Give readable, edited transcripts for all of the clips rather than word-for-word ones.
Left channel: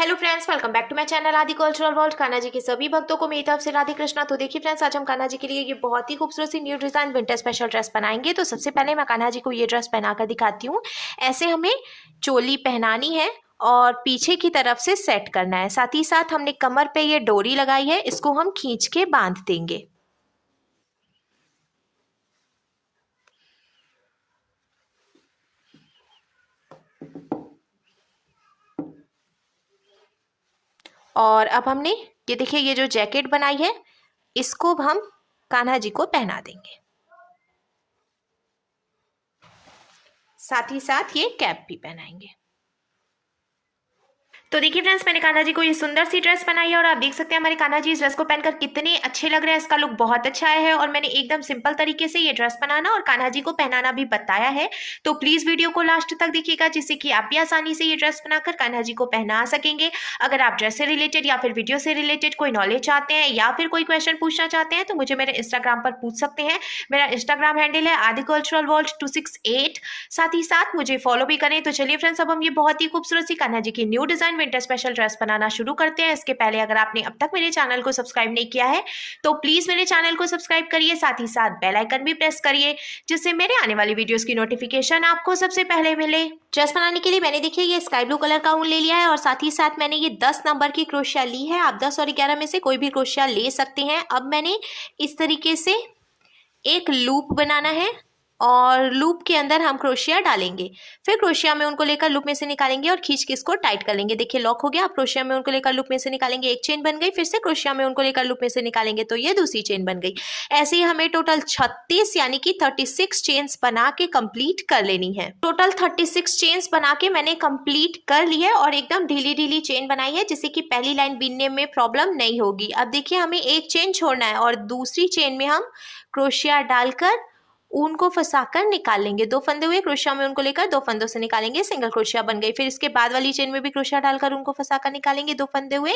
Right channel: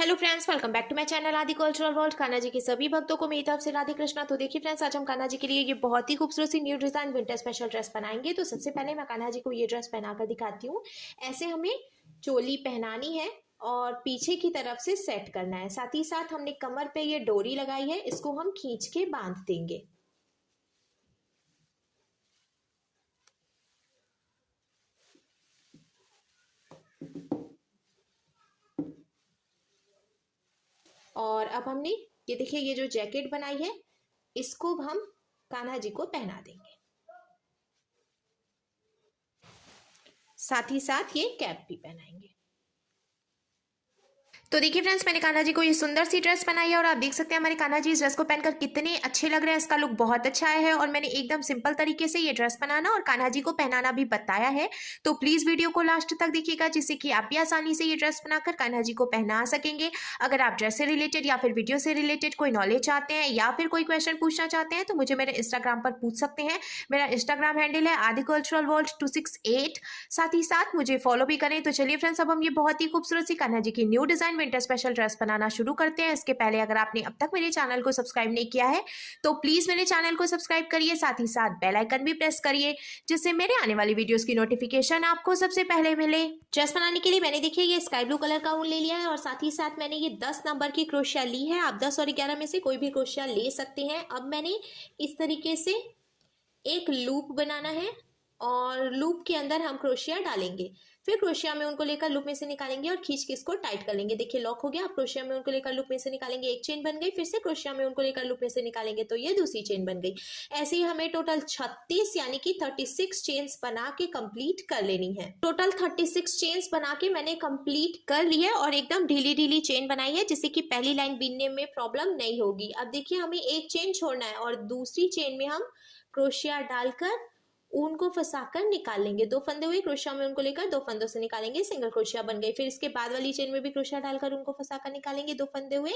Hello friends, welcome back to my channel Aadi cultural world. Kanha ji के सभी भक्तों को मेरी तरफ से राधे कृष्णा। तो देखिए फ्रेंड्स, आज हम कान्हा जी के लिए ये बहुत ही खूबसूरत सी new design winter special dress बनाएंगे। तो सबसे पहले मैं कान्हा जी को ये ड्रेस पहनाकर दिखाती हूँ। ऐसे हमें चोली पहनानी है और पीछे की तरफ से सेट करना है। साथ ही साथ हमने कमर पे ये डोरी लगाई है, इसको हम खींच के बांध देंगे। और अब हमने ये देखिए, ये जो जैकेट बनाई है इसको हम कान्हा जी को पहना देंगे। साथ ही साथ ये कैप भी पहनाएंगे। तो देखिए फ्रेंड्स, मैंने कान्हा जी को ये सुंदर सी ड्रेस बनाई है और आप देख सकते हैं हमारे कान्हा जी इस ड्रेस को पहनकर कितने अच्छे लग रहे हैं। इसका लुक बहुत अच्छा आया है और मैंने एकदम सिंपल तरीके से ये ड्रेस बनाना और कान्हा जी को पहनाना भी बताया है। तो प्लीज वीडियो को लास्ट तक देखिएगा, जिससे कि आप भी आसानी से ये ड्रेस बनाकर कान्हा जी को पहना सकेंगे। अगर आप ड्रेस से रिलेटेड या फिर वीडियो से रिलेटेड कोई नॉलेज चाहते हैं या फिर कोई क्वेश्चन पूछना चाहते हैं तो मुझे मेरे इंस्टाग्राम पर पूछ सकते हैं। मेरा इंस्टाग्राम हैंडल है आदि कल्चरल वर्ल्ड 268। साथ ही साथ मुझे फॉलो भी करें। तो चलिए फ्रेंड्स, अब हम ये बहुत ही खूबसूरत सी कान्हा जी की new design winter special dress बनाना शुरू करते हैं। इसके पहले अगर आपने अब तक मेरे चैनल को सब्सक्राइब नहीं किया है तो प्लीज मेरे चैनल को सब्सक्राइब करिए। साथ ही साथ बेल आइकन भी प्रेस करिए, जिससे मेरे आने वाली वीडियोस की नोटिफिकेशन आपको सबसे पहले मिले। ड्रेस बनाने के लिए मैंने देखिए ये स्काई ब्लू कलर का ऊन ले लिया है और साथ ही साथ मैंने ये 10 नंबर की क्रोशिया ली है। आप 10 और 11 में से कोई भी क्रोशिया ले सकते हैं। अब मैंने इस तरीके से एक लूप बनाना है और लूप के अंदर हम क्रोशिया डालेंगे। फिर क्रोशिया में उनको लेकर लूप में से निकालेंगे और खींच के इसको टाइट कर लेंगे। देखिए लॉक हो गया। अब क्रोशिया में उनको लेकर लूप में से निकालेंगे, एक चेन बन गई। फिर से क्रोशिया में उनको लेकर लूप में से निकालेंगे तो ये दूसरी चेन बन गई। ऐसे ही हमें टोटल 36 यानी कि 36 चेन्स बना के कंप्लीट कर लेनी है। टोटल 36 चेन्स बना के मैंने कंप्लीट कर ली है और एकदम ढीली ढीली चेन बनाई है, जिससे कि पहली लाइन बीनने में प्रॉब्लम नहीं होगी। अब देखिए हमें एक चेन छोड़ना है और दूसरी चेन में हम क्रोशिया डालकर ऊन को फंसाकर निकाल लेंगे। 2 फंदे हुए, क्रोशिया में उनको लेकर 2 फंदों से निकालेंगे, सिंगल क्रोशिया बन गई। फिर इसके बाद वाली चेन में भी क्रोशिया डालकर उनको फंसाकर निकालेंगे। 2 फंदे हुए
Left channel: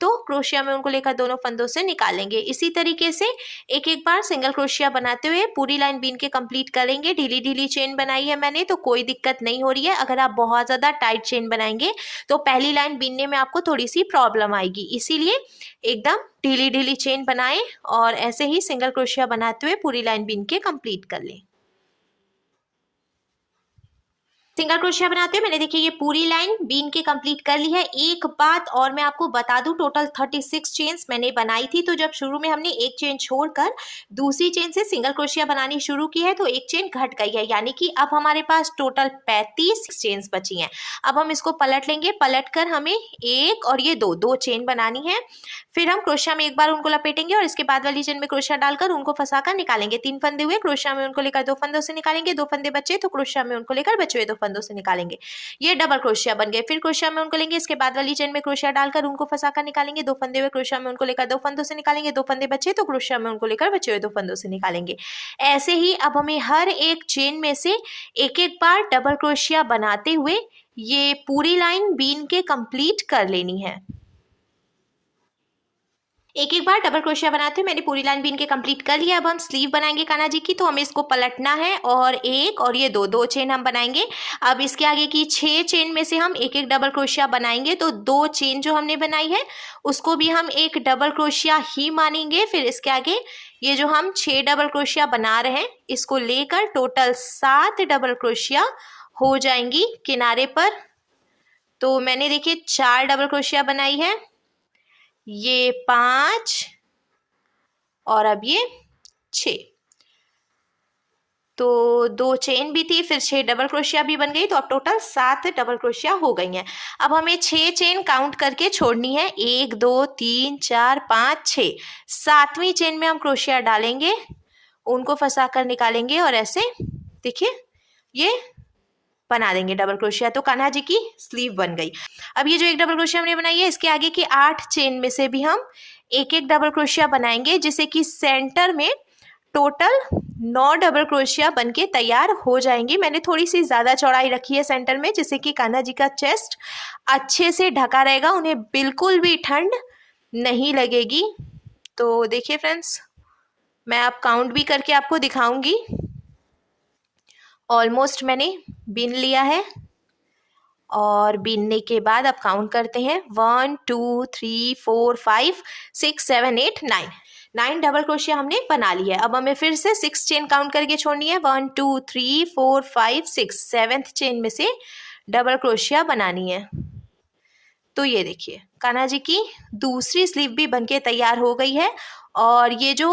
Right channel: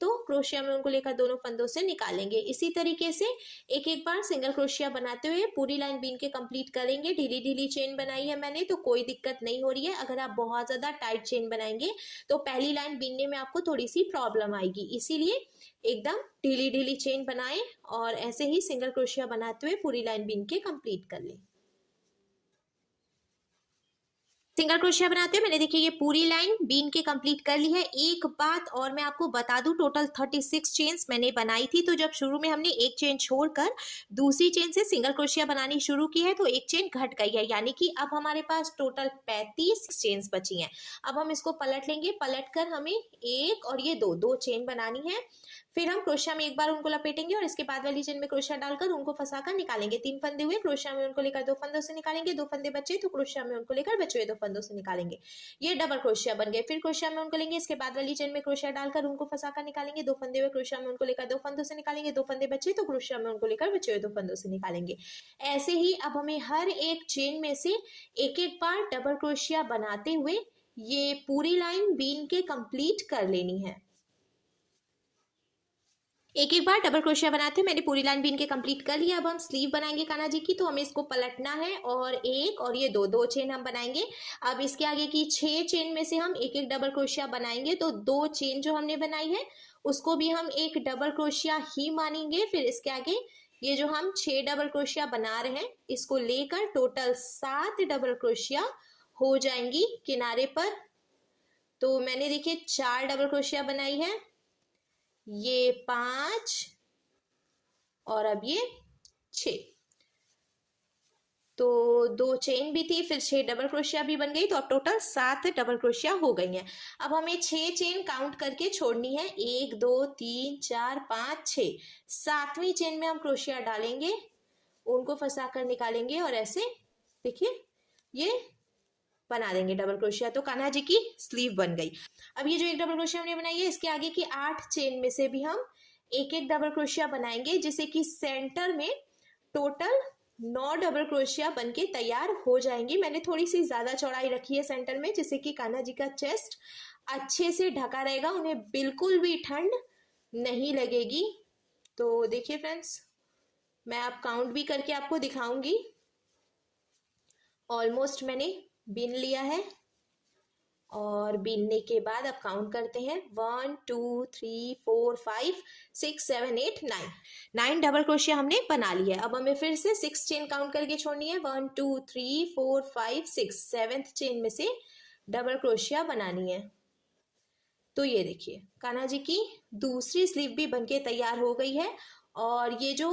तो क्रोशिया में उनको लेकर दोनों फंदों से निकालेंगे। इसी तरीके से एक एक बार सिंगल क्रोशिया बनाते हुए पूरी लाइन बीन के कंप्लीट करेंगे। ढीली ढीली चेन बनाई है मैंने, तो कोई दिक्कत नहीं हो रही है। अगर आप बहुत ज्यादा टाइट चेन बनाएंगे तो पहली लाइन बीनने में आपको थोड़ी सी प्रॉब्लम आएगी। इसीलिए एकदम ढीली ढीली चेन बनाएं और ऐसे ही सिंगल क्रोशिया बनाते हुए पूरी लाइन बीन के कंप्लीट कर लें। सिंगल क्रोशिया बनाते हैं मैंने देखिए ये पूरी लाइन बीन के कंप्लीट कर ली है। एक बात और मैं आपको बता दूं, टोटल 36 चेन्स मैंने बनाई थी। तो जब शुरू में हमने एक चेन छोड़कर दूसरी चेन से सिंगल क्रोशिया बनानी शुरू की है तो एक चेन घट गई है, यानी कि अब हमारे पास टोटल 35 चेन्स बची हैं। अब हम इसको पलट लेंगे। पलट कर हमें एक और ये दो चेन बनानी है। फिर हम क्रोशिया में एक बार उनको लपेटेंगे और इसके बाद वाली चेन में क्रोशिया डालकर उनको फंसाकर निकालेंगे। 3 फंदे हुए, क्रोशिया में उनको लेकर 2 फंदों से निकालेंगे। 2 फंदे बचे तो क्रोशिया में उनको लेकर बचे हुए 2 फंदों से निकालेंगे। ये डबल क्रोशिया बन गए। फिर क्रोशिया में उनको लेंगे, इसके बाद वाली चेन में क्रोशिया डालकर उनको फंसाकर निकालेंगे। 2 फंदे हुए, क्रोशिया में उनको लेकर 2 फंदों से निकालेंगे। 2 फंदे बचे तो क्रोशिया में उनको लेकर बचे हुए 2 फंदों से निकालेंगे। ऐसे ही अब हमें हर एक चेन में से एक एक बार डबल क्रोशिया बनाते हुए ये पूरी लाइन बीन के कंप्लीट कर लेनी है। एक एक बार डबल क्रोशिया बनाते हैं मैंने पूरी लाइन बीन के कंप्लीट कर लिया। अब हम स्लीव बनाएंगे कान्हा जी की, तो हमें इसको पलटना है और एक और ये दो चेन हम बनाएंगे। अब इसके आगे की 6 चेन में से हम एक एक डबल क्रोशिया बनाएंगे। तो 2 चेन जो हमने बनाई है उसको भी हम एक डबल क्रोशिया ही मानेंगे। फिर इसके आगे ये जो हम 6 डबल क्रोशिया बना रहे हैं इसको लेकर टोटल 7 डबल क्रोशिया हो जाएंगी किनारे पर। तो मैंने देखिए 4 डबल क्रोशिया बनाई है, ये 5 और अब ये 6। तो 2 चेन भी थी, फिर 6 डबल क्रोशिया भी बन गई, तो अब टोटल 7 डबल क्रोशिया हो गई हैं। अब हमें 6 चेन काउंट करके छोड़नी है। 1 2 3 4 5 6। 7वीं चेन में हम क्रोशिया डालेंगे, उनको फंसा कर निकालेंगे और ऐसे देखिए ये बना देंगे डबल क्रोशिया। तो कान्हा जी की स्लीव बन गई। अब ये जो एक डबल क्रोशिया हमने बनाई है इसके आगे की 8 चेन में से भी हम एक एक डबल क्रोशिया बनाएंगे, जिससे कि सेंटर में टोटल 9 डबल क्रोशिया बनके तैयार हो जाएंगी। मैंने थोड़ी सी ज़्यादा चौड़ाई रखी है सेंटर में, जिससे कि कान्हा जी का चेस्ट अच्छे से ढका रहेगा, उन्हें बिल्कुल भी ठंड नहीं लगेगी। तो देखिए फ्रेंड्स, मैं अब काउंट भी करके आपको दिखाऊंगी। ऑलमोस्ट मैंने बीन लिया है और बीनने के बाद अब काउंट करते हैं 1 2 3 4 5 6 7 8 9 9 डबल क्रोशिया हमने बना लिया है। अब हमें फिर से 6 चेन काउंट करके छोड़नी है। 1 2 3 4 5 6 7th चेन में से डबल क्रोशिया बनानी है। तो ये देखिए कान्हा जी की दूसरी स्लीव भी बनके तैयार हो गई है। और ये जो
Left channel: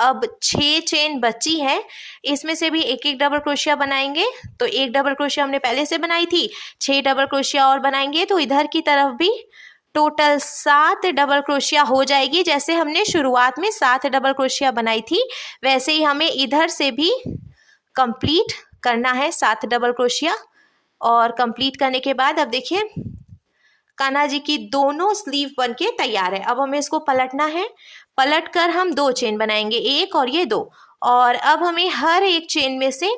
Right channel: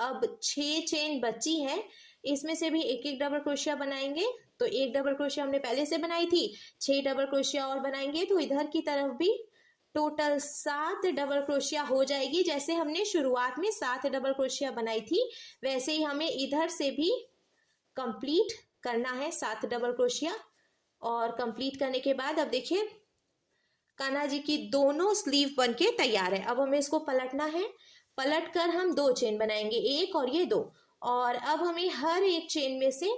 अब 6 चेन बची है इसमें से भी एक एक डबल क्रोशिया बनाएंगे। तो एक डबल क्रोशिया हमने पहले से बनाई थी, 6 डबल क्रोशिया और बनाएंगे तो इधर की तरफ भी टोटल 7 डबल क्रोशिया हो जाएगी। जैसे हमने शुरुआत में 7 डबल क्रोशिया बनाई थी वैसे ही हमें इधर से भी कंप्लीट करना है 7 डबल क्रोशिया। और कंप्लीट करने के बाद अब देखिए कान्हा जी की दोनों स्लीव बनके तैयार है। अब हमें इसको पलटना है। पलट कर हम 2 चेन बनाएंगे, एक और ये 2। और अब हमें हर एक चेन में से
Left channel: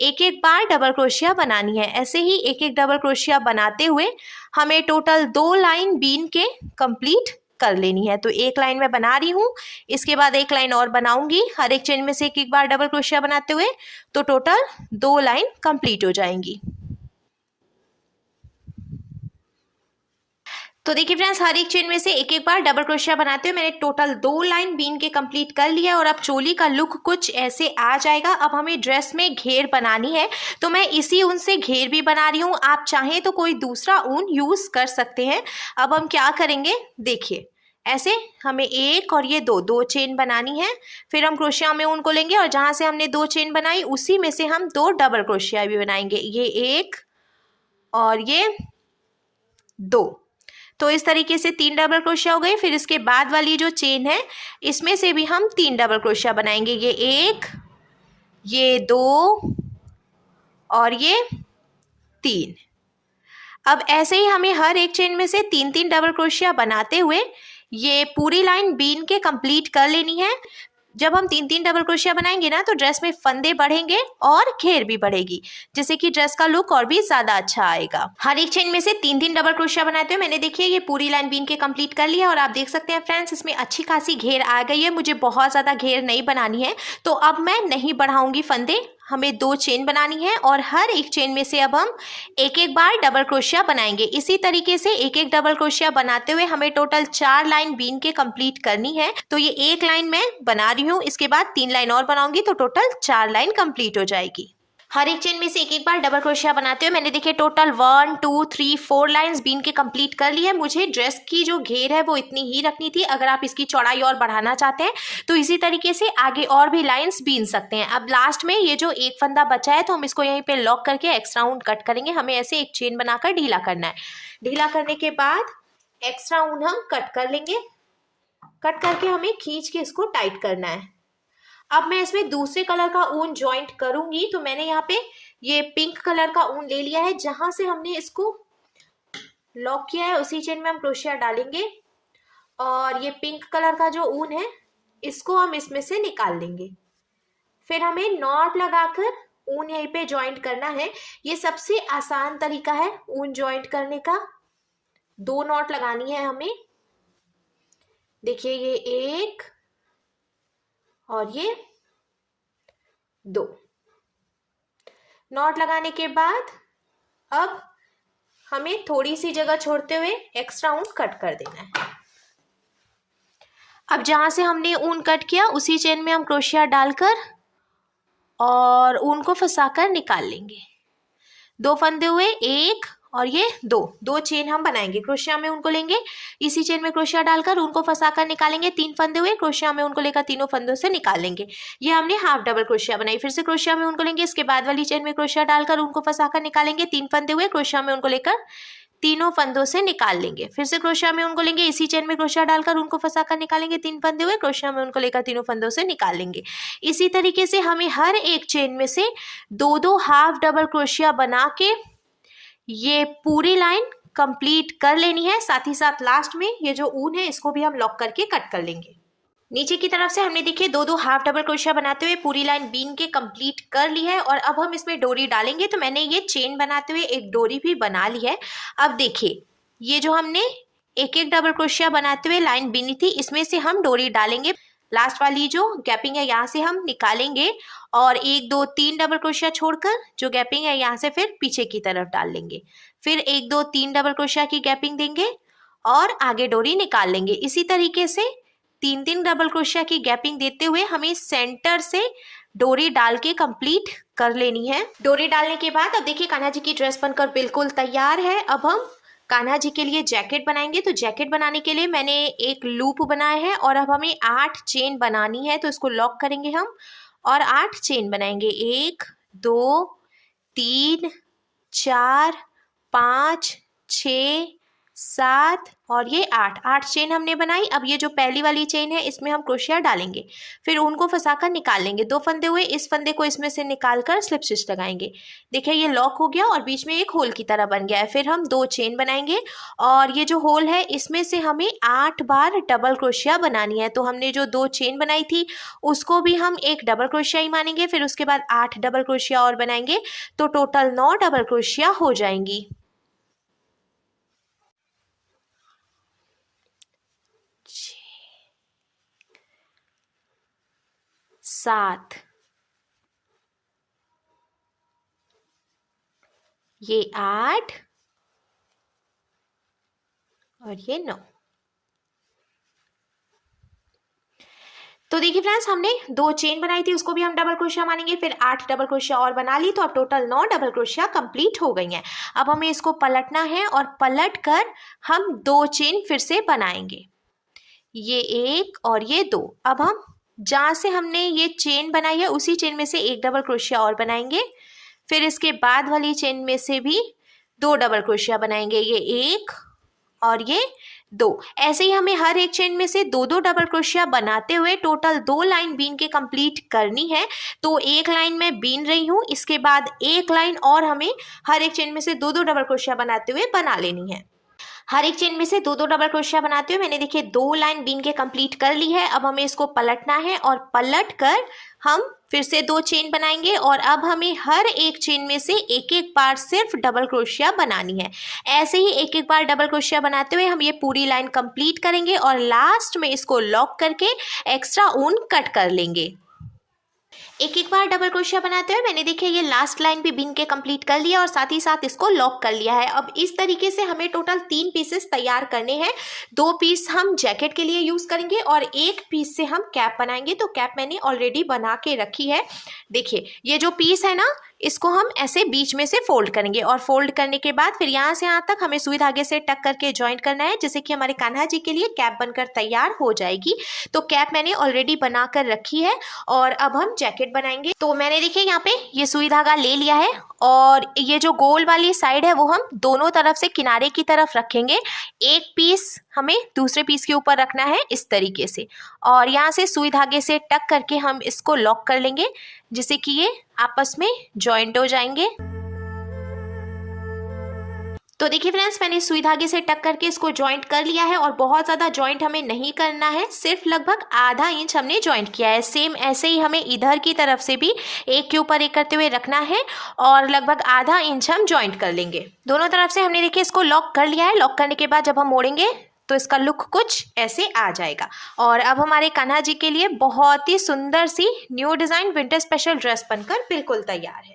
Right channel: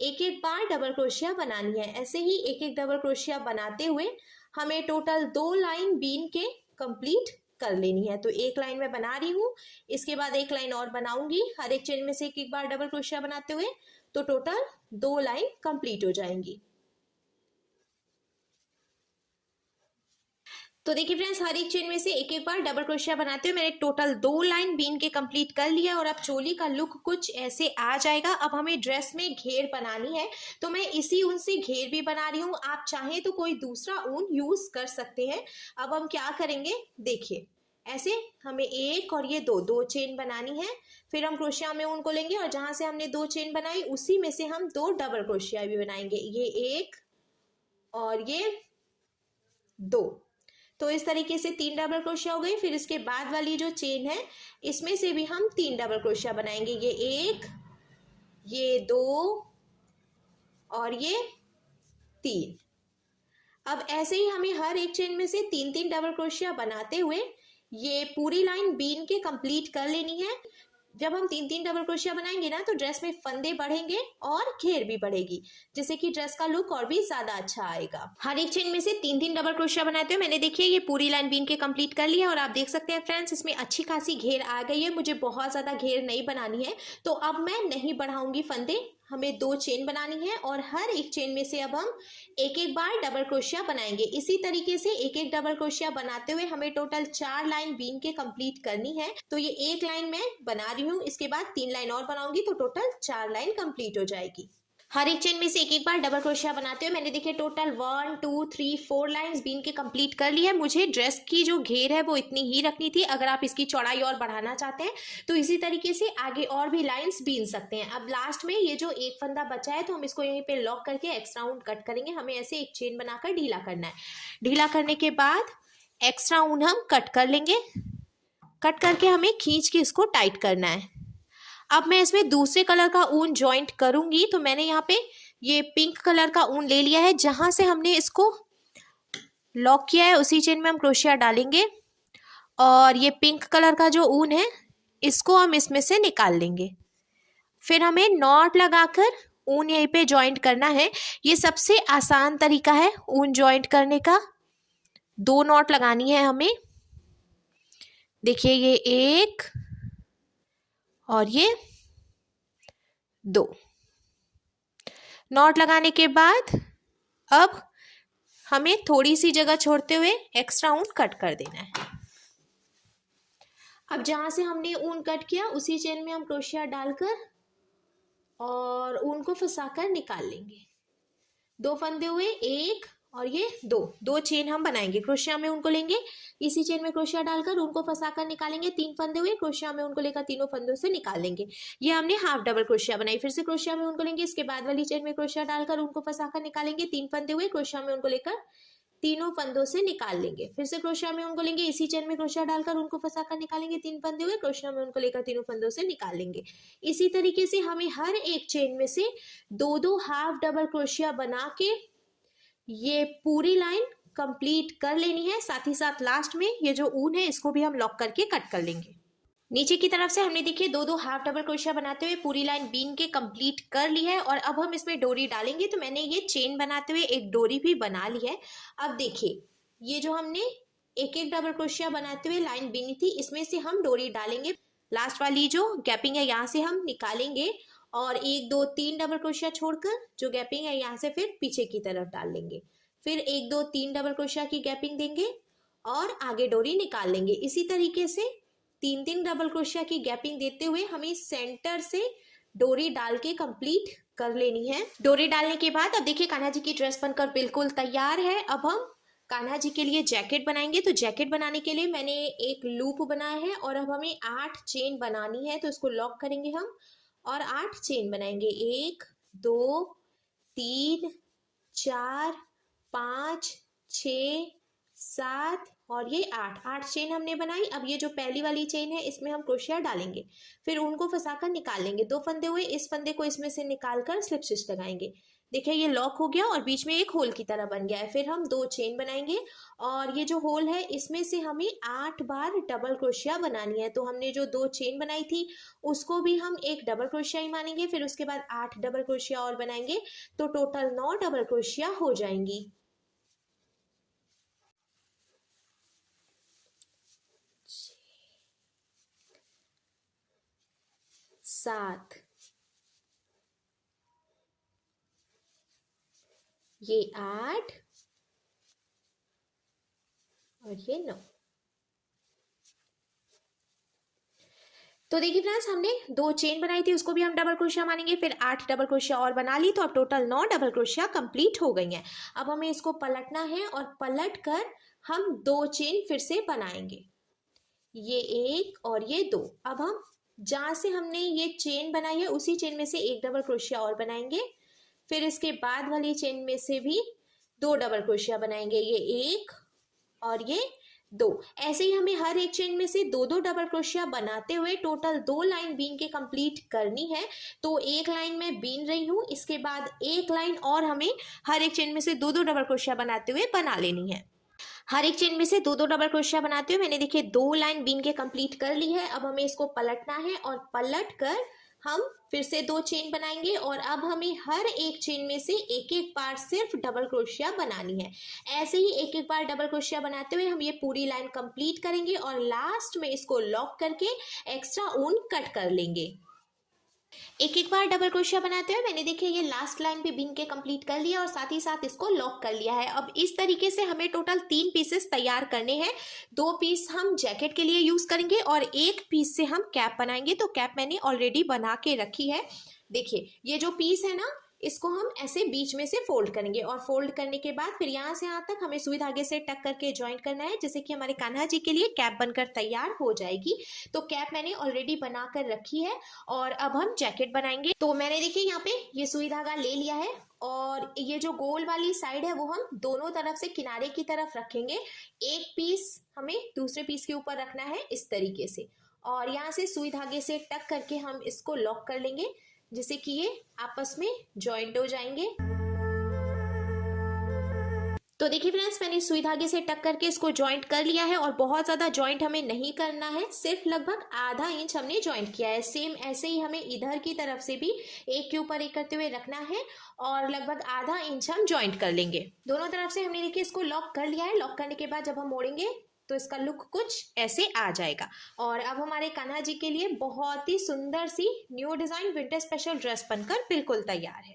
एक एक बार डबल क्रोशिया बनानी है। ऐसे ही एक एक डबल क्रोशिया बनाते हुए हमें टोटल 2 लाइन बीन के कंप्लीट कर लेनी है। तो एक लाइन मैं बना रही हूँ, इसके बाद एक लाइन और बनाऊंगी हर एक चेन में से एक एक बार डबल क्रोशिया बनाते हुए, तो टोटल 2 लाइन कंप्लीट हो जाएंगी। तो देखिए फ्रेंड्स हर एक चेन में से एक एक बार डबल क्रोशिया बनाते हुए मैंने टोटल 2 लाइन बीन के कंप्लीट कर लिया है। और अब चोली का लुक कुछ ऐसे आ जाएगा। अब हमें ड्रेस में घेर बनानी है तो मैं इसी ऊन से घेर भी बना रही हूँ। आप चाहें तो कोई दूसरा ऊन यूज़ कर सकते हैं। अब हम क्या करेंगे देखिए, ऐसे हमें एक और ये 2 चेन बनानी है। फिर हम क्रोशिया में ऊन को लेंगे और जहाँ से हमने 2 चेन बनाई उसी में से हम 2 डबल क्रोशिया भी बनाएंगे, ये 1 और ये 2। तो इस तरीके से 3 डबल क्रोशिया हो गई। फिर इसके बाद वाली जो चेन है इसमें से भी हम 3 डबल क्रोशिया बनाएंगे, ये 1, ये 2 और ये 3। अब ऐसे ही हमें हर एक चेन में से 3-3 डबल क्रोशिया बनाते हुए ये पूरी लाइन बीन के कंप्लीट कर लेनी है। जब हम 3-3 डबल क्रोशिया बनाएंगे ना तो ड्रेस में फंदे बढ़ेंगे और घेर भी बढ़ेगी, जिससे कि ड्रेस का लुक और भी ज्यादा अच्छा आएगा। हर एक चेन में से 3-3 डबल क्रोशिया बनाते हुए मैंने देखिए ये पूरी लाइन बीन के कंप्लीट कर लिया। और आप देख सकते हैं फ्रेंड्स इसमें अच्छी खासी घेर आ गई है। मुझे बहुत ज्यादा घेर नहीं बनानी है तो अब मैं नहीं बढ़ाऊंगी फंदे। हमें 2 चेन बनानी है और हर एक चेन में से अब हम एक एक बार डबल क्रोशिया बनाएंगे। इसी तरीके से एक एक डबल क्रोशिया बनाते हुए हमें टोटल 4 लाइन बीन के कंप्लीट करनी है। तो ये एक लाइन मैं बना रही हूँ, इसके बाद 3 लाइन और बनाऊंगी तो टोटल 4 लाइन कंप्लीट हो जाएगी। हर एक चेन में से एक एक बार डबल क्रोशिया बनाते हुए मैंने देखिए टोटल 1 2 3 4 लाइंस बीन के कंप्लीट कर ली है। मुझे ड्रेस की जो घेर है वो इतनी ही रखनी थी। अगर आप इसकी चौड़ाई और बढ़ाना चाहते हैं तो इसी तरीके से आगे और भी लाइंस बीन सकते हैं। अब लास्ट में ये जो एक फंदा बचा है तो हम इसको यहीं पे लॉक करके एक्स्ट्रा ऊन कट करेंगे। हमें ऐसे एक चेन बनाकर ढीला करना है। ढीला करने के बाद एक्स्ट्रा ऊन हम कट कर लेंगे। कट करके हमें खींच के इसको टाइट करना है। अब मैं इसमें दूसरे कलर का ऊन ज्वाइंट करूंगी तो मैंने यहाँ पे ये पिंक कलर का ऊन ले लिया है। जहां से हमने इसको लॉक किया है उसी चेन में हम क्रोशिया डालेंगे और ये पिंक कलर का जो ऊन है इसको हम इसमें से निकाल लेंगे। फिर हमें नॉट लगाकर ऊन यहीं पे ज्वाइंट करना है। ये सबसे आसान तरीका है ऊन ज्वाइंट करने का। 2 नॉट लगानी है हमें। देखिए ये 1 और ये 2 नॉट लगाने के बाद अब हमें थोड़ी सी जगह छोड़ते हुए एक्स्ट्रा ऊन कट कर देना है। अब जहां से हमने ऊन कट किया उसी चेन में हम क्रोशिया डालकर और ऊन को फंसाकर निकाल लेंगे। 2 फंदे हुए, 1 और ये 2 चेन हम बनाएंगे। क्रोशिया में उनको लेंगे, इसी चेन में क्रोशिया डालकर उनको फंसाकर निकालेंगे। 3 फंदे हुए, क्रोशिया में उनको लेकर तीनों फंदों से निकाल लेंगे। ये हमने हाफ डबल क्रोशिया बनाई। फिर से क्रोशिया में उनको लेंगे, इसके बाद वाली चेन में क्रोशिया डालकर उनको फंसाकर निकालेंगे। 3 फंदे हुए, क्रोशिया में उनको लेकर तीनों फंदों से निकाल लेंगे। फिर से क्रोशिया में उनको लेंगे, इसी चेन में क्रोशिया डालकर उनको फंसाकर निकालेंगे। 3 फंदे हुए, क्रोशिया में उनको लेकर तीनों फंदों से निकाल लेंगे। इसी तरीके से हमें हर एक चेन में से 2-2 हाफ डबल क्रोशिया बना के ये पूरी लाइन कंप्लीट कर लेनी है। साथ ही साथ लास्ट में ये जो ऊन है इसको भी हम लॉक करके कट कर लेंगे। नीचे की तरफ से हमने देखिए 2-2 हाफ डबल क्रोशिया बनाते हुए पूरी लाइन बीन के कंप्लीट कर ली है। और अब हम इसमें डोरी डालेंगे। तो मैंने ये चेन बनाते हुए एक डोरी भी बना ली है। अब देखिए ये जो हमने एक एक डबल क्रोशिया बनाते हुए लाइन बीनी थी इसमें से हम डोरी डालेंगे। लास्ट वाली जो गैपिंग है यहाँ से हम निकालेंगे और 1 2 3 डबल क्रोशिया छोड़कर जो गैपिंग है यहाँ से फिर पीछे की तरफ डाल लेंगे। फिर 1 2 3 डबल क्रोशिया की गैपिंग देंगे और आगे डोरी निकाल लेंगे। इसी तरीके से 3 3 डबल क्रोशिया की गैपिंग देते हुए हमें सेंटर से डोरी डाल के कंप्लीट कर लेनी है। डोरी डालने के बाद अब देखिए कान्हा जी की ड्रेस बनकर बिल्कुल तैयार है। अब हम कान्हा जी के लिए जैकेट बनाएंगे। तो जैकेट बनाने के लिए मैंने एक लूप बनाया है और अब हमें 8 चेन बनानी है। तो इसको लॉक करेंगे हम और 8 चेन बनाएंगे। 1 2 3 4 5 6 7 और ये 8 चेन हमने बनाई। अब ये जो पहली वाली चेन है इसमें हम क्रोशिया डालेंगे, फिर उनको फंसाकर निकाल लेंगे। 2 फंदे हुए, इस फंदे को इसमें से निकाल कर स्लिप स्टिच लगाएंगे। देखिए ये लॉक हो गया और बीच में एक होल की तरह बन गया है। फिर हम 2 चेन बनाएंगे और ये जो होल है इसमें से हमें 8 बार डबल क्रोशिया बनानी है। तो हमने जो 2 चेन बनाई थी उसको भी हम एक डबल क्रोशिया ही मानेंगे। फिर उसके बाद 8 डबल क्रोशिया और बनाएंगे तो टोटल 9 डबल क्रोशिया हो जाएंगी। 7 ये 8 और ये 9। तो देखिए फ्रेंड्स हमने 2 चेन बनाई थी उसको भी हम डबल क्रोशिया मानेंगे। फिर 8 डबल क्रोशिया और बना ली तो अब टोटल 9 डबल क्रोशिया कंप्लीट हो गई हैं। अब हमें इसको पलटना है और पलट कर हम 2 चेन फिर से बनाएंगे, ये 1 और ये 2। अब हम जहाँ से हमने ये चेन बनाई है उसी चेन में से एक डबल क्रोशिया और बनाएंगे। फिर इसके बाद वाली चेन में से भी 2 डबल क्रोशिया बनाएंगे, ये 1 और ये 2। ऐसे ही हमें हर एक चेन में से 2 डबल क्रोशिया बनाते हुए टोटल 2 लाइन बीन के कंप्लीट करनी है। तो एक लाइन में बीन रही हूँ, इसके बाद एक लाइन और हमें हर एक चेन में से 2 डबल क्रोशिया बनाते हुए बना लेनी है। हर एक चेन में से 2 डबल क्रोशिया बनाते हुए मैंने देखिए 2 लाइन बीन के कंप्लीट कर ली है। अब हमें इसको पलटना है और पलट कर हम फिर से 2 चेन बनाएंगे और अब हमें हर एक चेन में से एक एक बार सिर्फ डबल क्रोशिया बनानी है। ऐसे ही एक एक बार डबल क्रोशिया बनाते हुए हम ये पूरी लाइन कंप्लीट करेंगे और लास्ट में इसको लॉक करके एक्स्ट्रा ऊन कट कर लेंगे। एक एक बार डबल क्रोशिया बनाते हुए मैंने देखिए ये लास्ट लाइन भी बीन के कंप्लीट कर लिया और साथ ही साथ इसको लॉक कर लिया है। अब इस तरीके से हमें टोटल 3 पीसेस तैयार करने हैं। 2 पीस हम जैकेट के लिए यूज़ करेंगे और 1 पीस से हम कैप बनाएंगे। तो कैप मैंने ऑलरेडी बना के रखी है। देखिए ये जो पीस है ना इसको हम ऐसे बीच में से फोल्ड करेंगे और फोल्ड करने के बाद फिर यहाँ से यहाँ तक हमें सुई धागे से टक करके ज्वाइंट करना है, जिससे कि हमारे कान्हा जी के लिए कैप बनकर तैयार हो जाएगी। तो कैप मैंने ऑलरेडी बना कर रखी है और अब हम जैकेट बनाएंगे। तो मैंने देखिए यहाँ पे ये सुई धागा ले लिया है और ये जो गोल वाली साइड है वो हम दोनों तरफ से किनारे की तरफ रखेंगे। एक पीस हमें दूसरे पीस के ऊपर रखना है इस तरीके से और यहाँ से सुई धागे से टक करके हम इसको लॉक कर लेंगे, जिससे कि ये आपस में जॉइंट हो जाएंगे। तो देखिए फ्रेंड्स मैंने सुई धागे से टक करके इसको जॉइंट कर लिया है और बहुत ज़्यादा जॉइंट हमें नहीं करना है, सिर्फ लगभग आधा इंच हमने जॉइंट किया है। सेम ऐसे ही हमें इधर की तरफ से भी एक के ऊपर एक करते हुए रखना है और लगभग आधा इंच हम जॉइंट कर लेंगे। दोनों तरफ से हमने देखिए इसको लॉक कर लिया है। लॉक करने के बाद जब हम मोड़ेंगे तो इसका लुक कुछ ऐसे आ जाएगा। और अब हमारे कान्हा जी के लिए बहुत ही सुंदर सी new design winter special dress बनकर बिल्कुल तैयार है।